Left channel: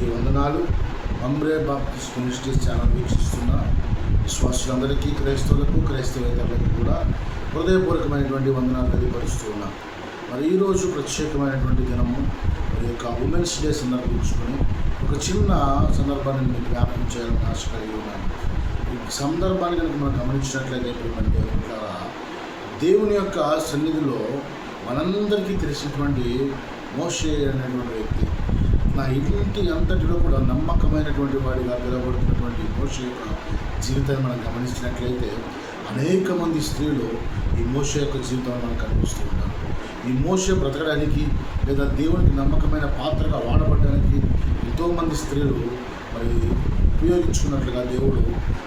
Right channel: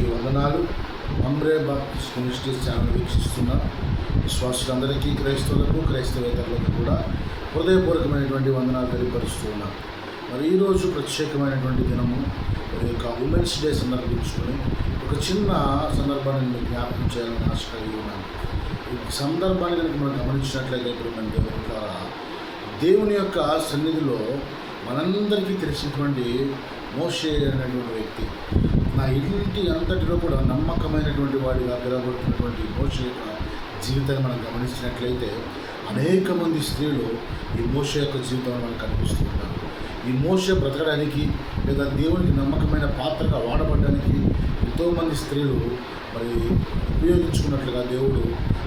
దేవునికి వందనాలు. Mamre Baptist ministries channel వీక్షిస్తున్న విశ్వాసులందరికీ, క్రైస్తవులకు, క్రైస్తవేతరులకు కూడా హృదయపూర్వకమైనటువంటి వందనాలు తెలియపరుస్తూ ఉన్నాం. మరి ఈరోజు ప్రత్యేకమైనటువంటి దినము, మరి యొక్క ఉమెన్స్ డే సందర్భించుకొని ఒక చిన్న సందర్భాన్ని మీకు జ్ఞాపకం చేయాలని ఆశ కలిగి ఉన్నాను. ఈ సందర్భాన్ని కనుక మనం గమనించినట్లయితే దేవుని యొక్క సన్నిధిలో మనందరికీ తెలిసినటువంటి మోషే అనేటువంటి వ్యక్తి, నా ఇంటి అంతటిలో కూడా నమ్మకమైనటువంటి వాడిగా పిలువబడుతున్నటువంటి మోషే యొక్క జీవితాన్ని మనం గమనించినట్లయితే అనేక మంది స్త్రీలు ఈ మోషే యొక్క జీవితంలో మనకు కనిపిస్తూ ఉంటారు. ఈ మోషే బ్రతకడానికి లేదా దేవునికి నమ్మకమైన పాత్రగా వాడబడడానికి ఎంతోమంది స్త్రీలు మరి ఉపయోగించుకున్నట్లుగా దేవుడు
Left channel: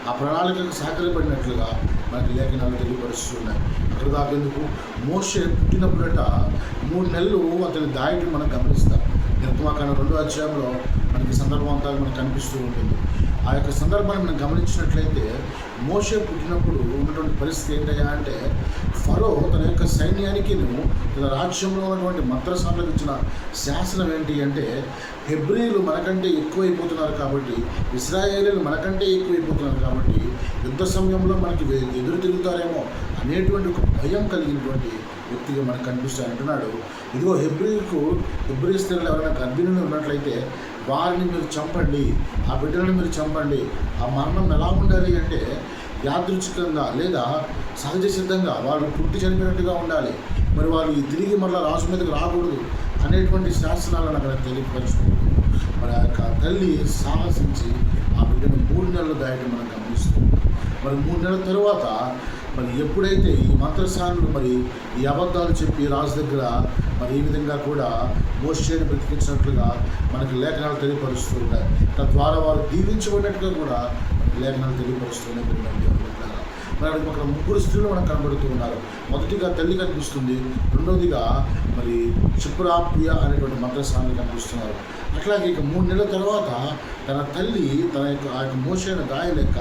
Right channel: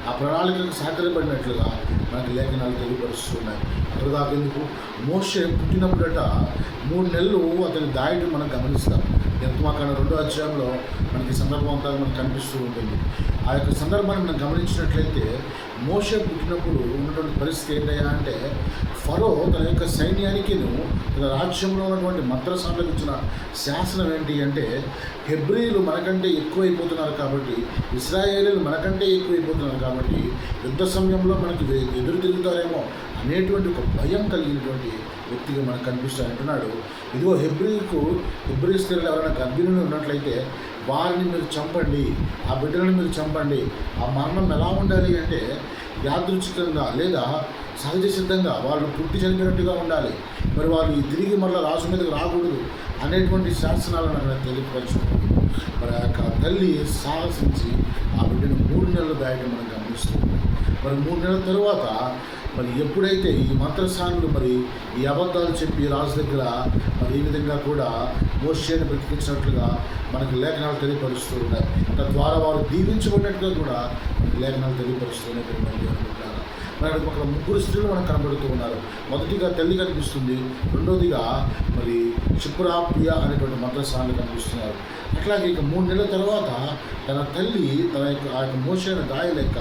ఆ ప్రణాళికకు సహకరింపడినట్లుగా మనకి లేఖనాలు తెలియపరుస్తూ ఉన్నాయి. అక్కడ దాకేందుకు మోషే పుట్టినప్పుడట 3 నెలలు అతని దాయిని మనం గమనిస్తాం. నిర్గమాకాండం 2వ అధ్యాయంలో మనకి సందర్భం అంతా మనకు కనిపిస్తూ ఉంటుంది. ఆ యొక్క సందర్భాన్ని మనం గమనించినట్లయితే మోషే పుట్టినప్పుడు ఉన్నటువంటి పరిస్థితి ఏంటయ్యా అంటే, ఫరో తన యొక్క సైన్యానికి తన రాజ్యంలో ఉన్నటువంటి మంత్రసాలకు ఇచ్చిన శాసనం ఏంటి అంటే, హెబ్రీలు మనకంటే ఎక్కువైపోతున్నారు కాబట్టి, ఇశ్రాయేలీలు మనకంటే ఎక్కువైపోతున్నారు కాబట్టి యుద్ధ సమయంలో మనకి ఎదురు తిరుగుతారేమో అనేటువంటి ఒక భయం కలిగినటువంటి వ్యక్తిగా మనకు కనిపిస్తాయి. అంటున్నాడు, ఇదిగో హెబ్రీ స్త్రీలు ఎవరైనా గర్భిణులు ఉన్నట్లయితే వారిని మీరు చంపండి, ఆ బిడ్డలను మీరు చంపండి. ఆ మరణం ఎలా ఉండాలి అంటే యాదృచ్ఛికంగా లేదా సహజ సిద్ధంగా వాళ్ళు పుట్టి చనిపోయినట్టుగా ఉండాలి. మరి వాళ్ళు తిరిగి మళ్ళీ రాజు మీదకి రాకూడదు అనేటువంటి శాసనాలను అక్కడ తెలియపరచుకుంటూ మరి ఆ యొక్క తల్లి సాహసించి ఆ బిడ్డను 3 నెలలు దాయటం మనం గమనిస్తూ ఉంటాం. మరి 3 నెలల తరువాత మరి ఎప్పుడైతే ఈ మంత్రసానులు మరి ఈ అబద్ధాలు చెప్పి రాజు దగ్గర మరి ఈ విధంగా కూడా మోషేని బ్రతికించినట్లుగా మనకి లేఖనాలు తెలియపరుస్తూ ఉన్నాయి. తద్వారా వారు దీవించబడినట్టుగా కూడా మనకి లేఖనాలు తెలియపరుస్తూ ఉన్నాయి. మరి అక్కడ 3 స్త్రీలు మనకు కనబడుతూ ఉన్నారు. మొదటిగా తల్లి కనిపిస్తుంది, రెండోదిగా మరి షిప్రాపియా అనేటువంటి మంత్రసానులు కనిపిస్తున్నారు. అట్లాగే ఇక 3 నెలల తర్వాత తన తల్లి తన యొక్క ఆ యొక్క మోషేన గాయ లెక్క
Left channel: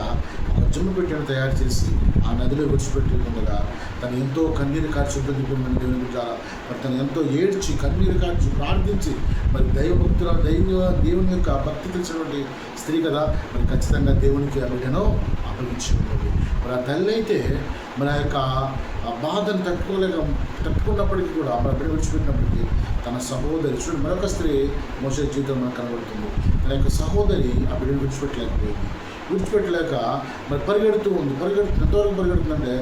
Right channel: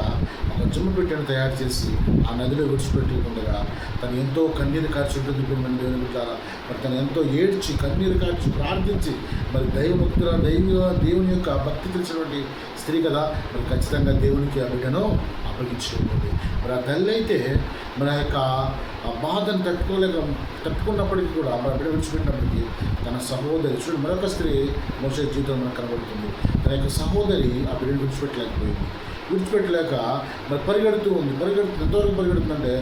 ఒక జమ్మ పెట్టెను తయారు చేసి ఆ నదిలో విడిచిపెట్టి ఉండగా తను ఎంతో కన్నీరు కార్చి ఉంటుంది. దేవుని బిడ్డలారా, మరి తను ఎంతో ఏడ్చి కన్నీరు కార్చి ప్రార్థించి మరి దేవుని యొక్క భక్తి తెలిసినటువంటి స్త్రీ కదా, మరి ఖచ్చితంగా దేవునికి ఆ బిడ్డను అప్పగించి ఉంటుంది. మరి ఆ తల్లి అయితే మన యొక్క ఆ బాధను తట్టుకున్నప్పటికీ కూడా మన బిడ్డ విడిచిపెట్టినప్పటికీ తన సహోదరి చూడండి, మరొక స్త్రీ మోషే జీవితం మనకు కనబడుతుంది. తన యొక్క సహోదరి ఆ బిడ్డను విడిచిపెట్టలేక మరి పరిగెడుతూ ఉంది. ఎంతవరకు పరిగెడుతుందంటే,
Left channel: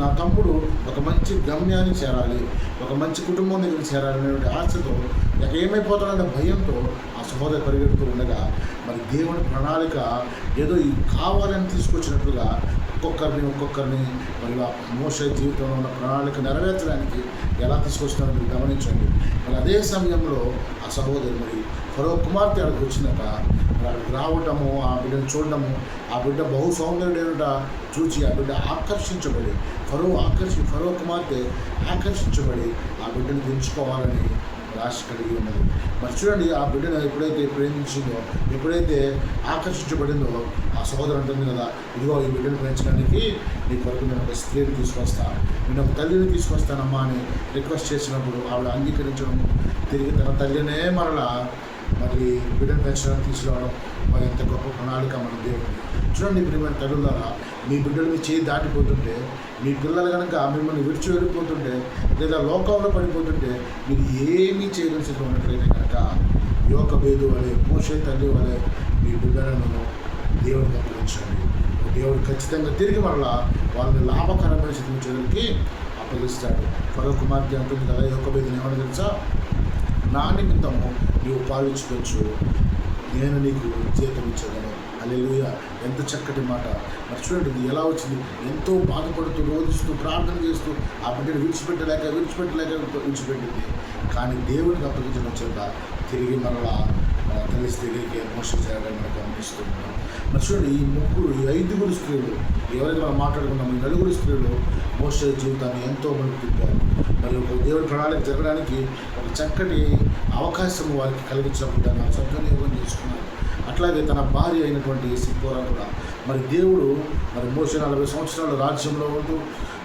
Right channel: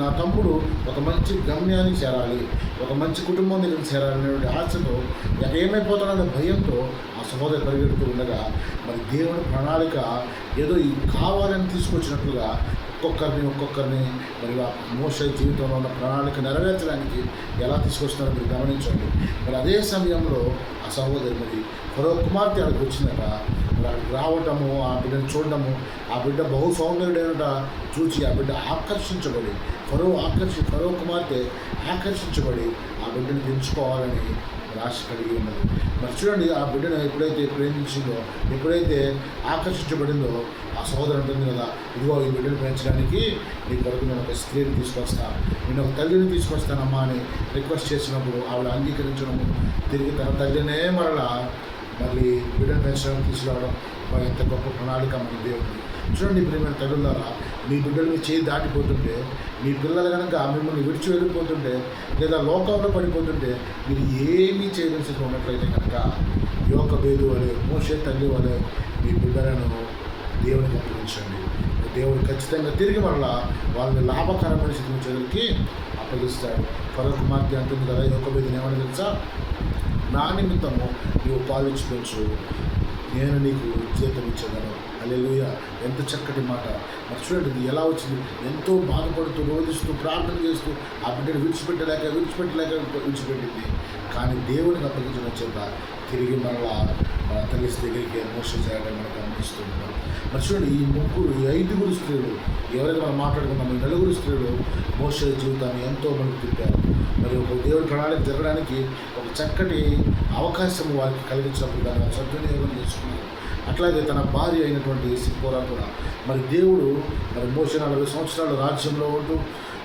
నా తమ్ముడు ఒక మంచి గమ్యానికి చేరాలి, ఒక మంచి కుటుంబం దగ్గరికి చేరాలి అనేటువంటి ఆశతో, ఏమైపోతాడనే భయంతో ఆ సహోదరి పరిగెడుతూ ఉండగా మరి దేవుని ప్రణాళిక ఏదో ఈ కావాలని తీసుకొచ్చినట్లుగా ఒక్కొక్కరిని మరి మోషే జీవితంలో ఉన్న ప్రణాళిక నెరవేర్చడానికి ఎలా తీసుకొస్తున్నారో మీరు గమనించండి. మరి అదే సమయంలో ఆ సహోదరి మరి ఫరో కుమార్తె అక్కడికి వచ్చిందట. మరి అక్కడికి రావటము, ఆ బిడ్డను చూడటము, ఆ బిడ్డ బహు సౌందర్యుడైనట చూచి ఆ బిడ్డ ఆకర్షించబడి ఫరో కుమార్తె ఆకర్షించబడి ఆ బిడ్డను పెంచుకోవాలని ఆశ కలిగి ఉన్నది. మరి చూడండి, ఆ బిడ్డను ఎప్పుడైతే ప్రేమించిందో, ఎప్పుడైతే ఆకర్షించబడిందో, ఆ సహోదరు అంటుంది కదా, ఇదిగో ఈ బిడ్డను పెంచడానికి నీ కొరకు నేను ఒక స్త్రీని తీసుకొస్తాను, నేను ఒక తల్లిని తీసుకొస్తానమ్మా అని రిక్వెస్ట్ చేసినప్పుడు ఆవిడ అంగీకరించడము, తిరిగి తన తల్లినే మళ్ళీ బిడ్డను పెంచడానికి తీసుకురావడం మరి ఎంత గొప్ప ప్రణాళిక మన దేవుడిని. చూడండి ప్రియమైన తల్లులారా, మీ బిడ్డలు మీ చేయి దాటిపోతుంటే, మీ పిల్లలు కనుక మిమ్మల్ని విడిచి వెళ్ళిపోతుంటే లేదా లోకంలో పడిపోతుంటే మీరు ఏమీ చేయలేని స్థితిలో ఉన్నట్లయితే కనుక యోకబేదు వలె, మోషే తల్లి వలె మీ బిడ్డలను దేవునికి అప్పగించండి. దేవుడు ఖచ్చితంగా తిరిగి వాళ్ళని లాభకరమైన స్థితి చెదురికి అప్పగిస్తాడు. ఫరో కుమార్తె అంటుంది కదా, యోకబేదుని ఏమని తెలుసా, నా నిమిత్తము నీవు పాలించి పెంచు, నేను నీకు జీతం ఇచ్చేదను. హల్లెలూయా, ఎంత చక్కటి మాట. మరి చూడండి, ఇది ఎలా వచ్చింది. ఎంతో బాధపడుతూ, రోధిస్తూ, ప్రార్థన చేస్తూ ఆ బిడ్డను విడిచిపెట్టింది. కానీ దేవుడికి అప్పగించడం చేత తిరిగి మన తల్లి దగ్గరికి మోసం చేయడం మనం గమనిస్తున్నాం. మరి చూడండి, ఈ 5 స్త్రీలు ఎవరైతే మనం మాట్లాడుకున్నామో, ఈ 4 స్త్రీలు మోషే జీవితాన్ని ఎంతో మనకు తిప్పారు. మరి ఒక దేవుడి ప్రణాళిక జరగడానికి ఒక చక్కటి అవకాశం వారికి కలిగించినప్పుడు దాన్ని సద్వినియోగం చేసుకున్నారు. అట్లాగే తన భార్య అయినటువంటి సిప్పోరా కూడా మరి దేవుడు మరి మోషే 40 సంవత్సరాలు రాజ్యంలో ఉంటూ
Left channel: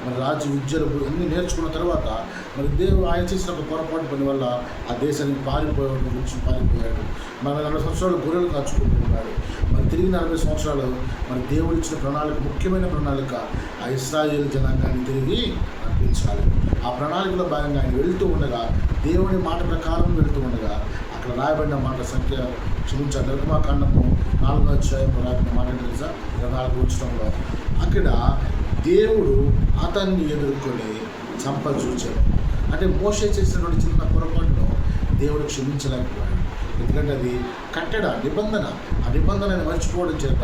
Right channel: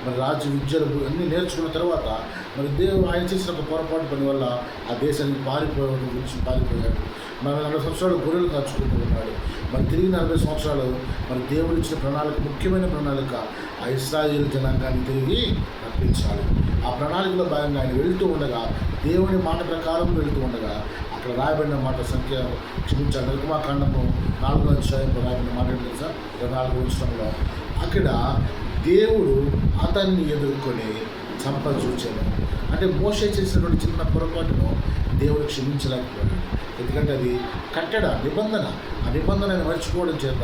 మరి రాజ్య విద్యలు అన్నీ నేర్చుకున్న తర్వాత మరి ఆయన చేసిన ఒక పొరపాటు పని వల్ల ఆ దేశానికి పారిపోయాడు. మరి 40 సంవత్సరాలు గొర్రెలు కాచుకుంటూ ఉన్నాడు. మరి తిరిగి 40 సంవత్సరాలు మరి దేవుడు ఇచ్చిన ప్రణాళిక, ముఖ్యమైన ప్రణాళిక, ఆ ఇశ్రాయేలు జనాంగాన్ని తిరిగి రప్పించాలి. ఆ ప్రణాళికలో భాగంగా ఆయన వెళ్తూ ఉండగా, దేవుని మాట ప్రకారం వెళ్తూ ఉండగా, అక్కడ రాయబడిన మాట నిర్గమాకాండము 4వ అధ్యాయంలో రాయబడిన మాట ఏంటి తెలుసా? 24వ వచనంలో అక్కడ దేవుడు అతన్ని ఎదుర్కొని చంపజూచాడు. అంటే మోషే చేసినటువంటి చిన్న పొరపాటును దేవుడు క్షమించలేకపోయాడు. ఎందుకంటే అది కట్టడ నిబంధన. ఆ నిబంధనని మర్చిపోవడం చేత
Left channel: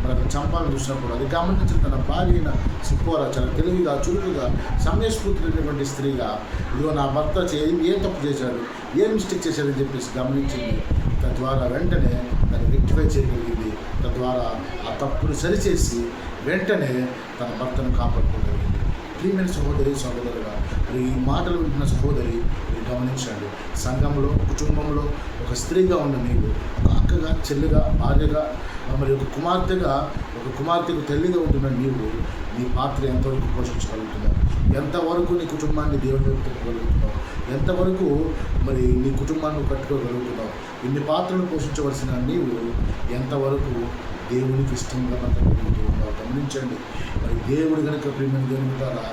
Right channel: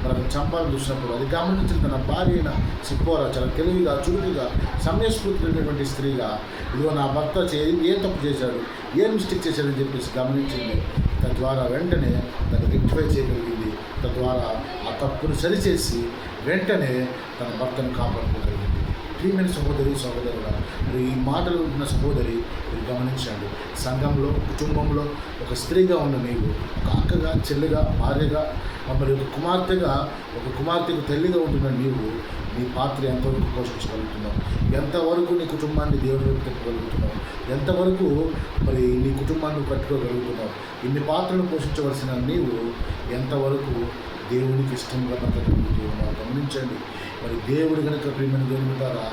మరి అతను చంపాలని చూసినప్పుడు అది గమనించిన తన భార్య అయిన సిప్పోరా చాలా తెలివిగా, చురుకుగా, సమయస్ఫూర్తినటువంటి స్త్రీగా, ఇదిగో నా భర్త ఏ తప్పు చేశాడు, ఏ మిస్టేక్ చేశాడని చెప్పేసి గమనించింది. తద్వారా వెంటనే దాన్ని రెక్టిఫై చేయగలిగింది. తద్వారా ఆ తప్పును సరిచేసి వెంటనే తన భర్తను కాపాడుకోగలిగింది. ప్రియమైన సహోదరి, సహోదరుగా మరి ఈ మాటలు వింటున్న సహోదరి మీరు గమనించండి. సంఘంలో, కుటుంబంలో ఒక స్త్రీగా ఉన్న నీవు, ఒక అక్కగా, చెల్లిగా, భార్యగా, మరి ఒక కుమార్తెకు తల్లిగా ఉంటున్న నీవు నీ పాత్ర ఎంతవరకు పోషించగలుగుతున్నావు? ఎంతవరకు నీ కుటుంబాన్ని దేవుని వైపు తిప్పగలుగుతున్నావు? ఎంతవరకు మరి నీ కుటుంబాన్ని కట్టుకోగలుగుతున్నావు? ఇన్ని పాత్రలు పోషించవలసిన నీవు ఎంతవరకు దేవునికి ఇష్టంగా బ్రతకగలుగుతూ ఉన్నావు? గమనించండి. మరి దేవుడు కనుక ప్రియమైన దేవుని బిడ్డలారా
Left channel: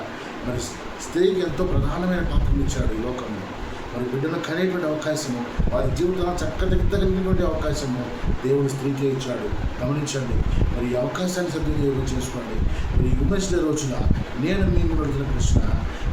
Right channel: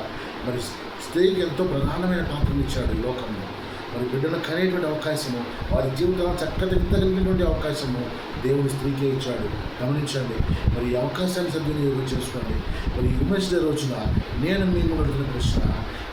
మరి స్త్రీకి ఎంతో ప్రధానమైన పాత్రను ఇచ్చాడు ఈ లోకంలో. మరి బిడ్డను కనేటువంటి అవకాశము, వారి జీవితంలో చక్కదిద్దగలిగినటువంటి అవకాశము దేవుడు స్త్రీకే ఇచ్చాడు. గమనించండి. మరి ఈ అవకాశాన్ని సద్వినియోగం చేసుకోండి. మరి ఈ ఉమెన్స్ డే రోజున నేను మీకు అడుగుతున్న ప్రశ్న,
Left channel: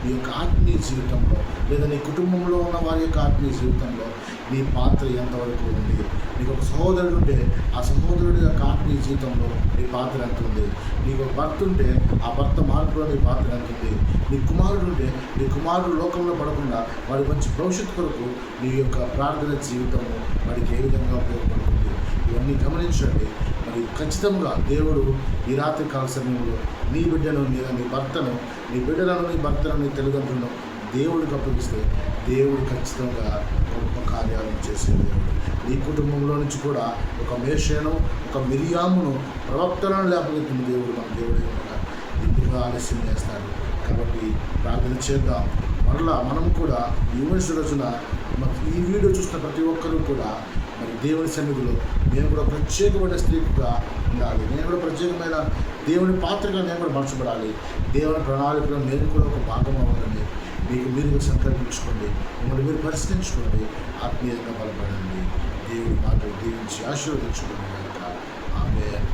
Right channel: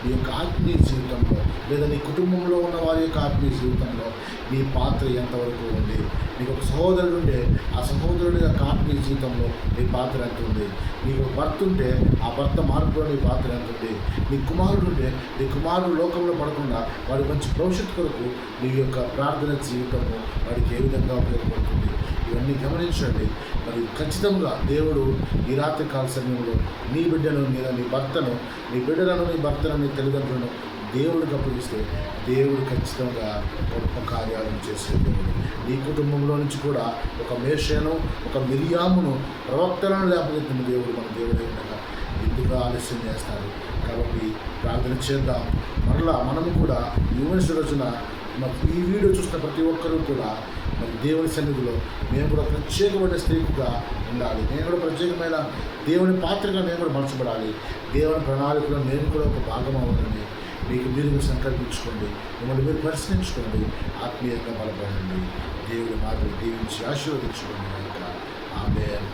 నీ యొక్క ఆత్మీయ జీవితంలో లేదా నీ కుటుంబంలో ఉన్న వారి యొక్క ఆత్మీయ జీవితంలో నీ పాత్ర ఎంతవరకు ఉంది? నీకు ఒక సహోదరుడు ఉంటే ఆ సహోదరుడి యొక్క ఆత్మీయ జీవితంలో నీ పాత్ర ఎంత ఉంది? నీకు ఒక భర్త ఉంటే ఆ భర్త మార్పులో నీ పాత్ర ఎంత ఉంది? నీ కుమారుడు ఉంటే నీ కుమారుడు లోకంలో పడకుండా వాడి మంచి భవిష్యత్తు కొరకు నీ యొక్క ప్రార్థన జీవితము వాడికి ఏ విధంగా ఉపయోగపడుతుంది? ఇవన్నీ గమనించండి. మరి ఖచ్చితంగా దేవుడు ఈ రాత్రి కాల సమయంలో నీ బిడ్డను లేదా నీ భర్తను, నీ బిడ్డలను, నీ భర్తను, నీ తల్లిదండ్రులను దేవుడికి అప్పగిస్తే దేవుడు ఖచ్చితంగా గొప్ప కార్యాలను చేసే దేవుడు. నీ కుటుంబంలో నుంచి కూడా ఒక మేషను, ఒక మిరియామును, ప్రవక్తలను లేపగెత్తిన దేవుడు మన దేవుడే ఉండగా ఎందుకు ఆలస్యం చేస్తారు? కాబట్టి ప్రార్థన చేద్దాం. మరలా మనము కూడా ఈ ఉమెన్స్ రోజున ఈ వీడియో చూస్తున్న ప్రతి ఒక్కరూ కూడా మరి దేవుని సన్నిధిలో మేము కూడా ప్రత్యేకమైన స్త్రీగా ఉండాలి. నేను కూడా ప్రత్యేకమైన దేవుని పాత్రగా నేను కూడా మార్చబడాలి. దేవుని ప్రణాళికలో నేను కూడా ఒక భాగం అవ్వాలని మీకు మీరు సంకల్పించుకోండి. మిమ్మల్ని మీరు పరిశీలించుకోండి. ఆత్మీయంగా బలపడండి. దేవుడి మాటలు దీవించి ఆశీర్వదించుకోండి కనుక ఆమేన్.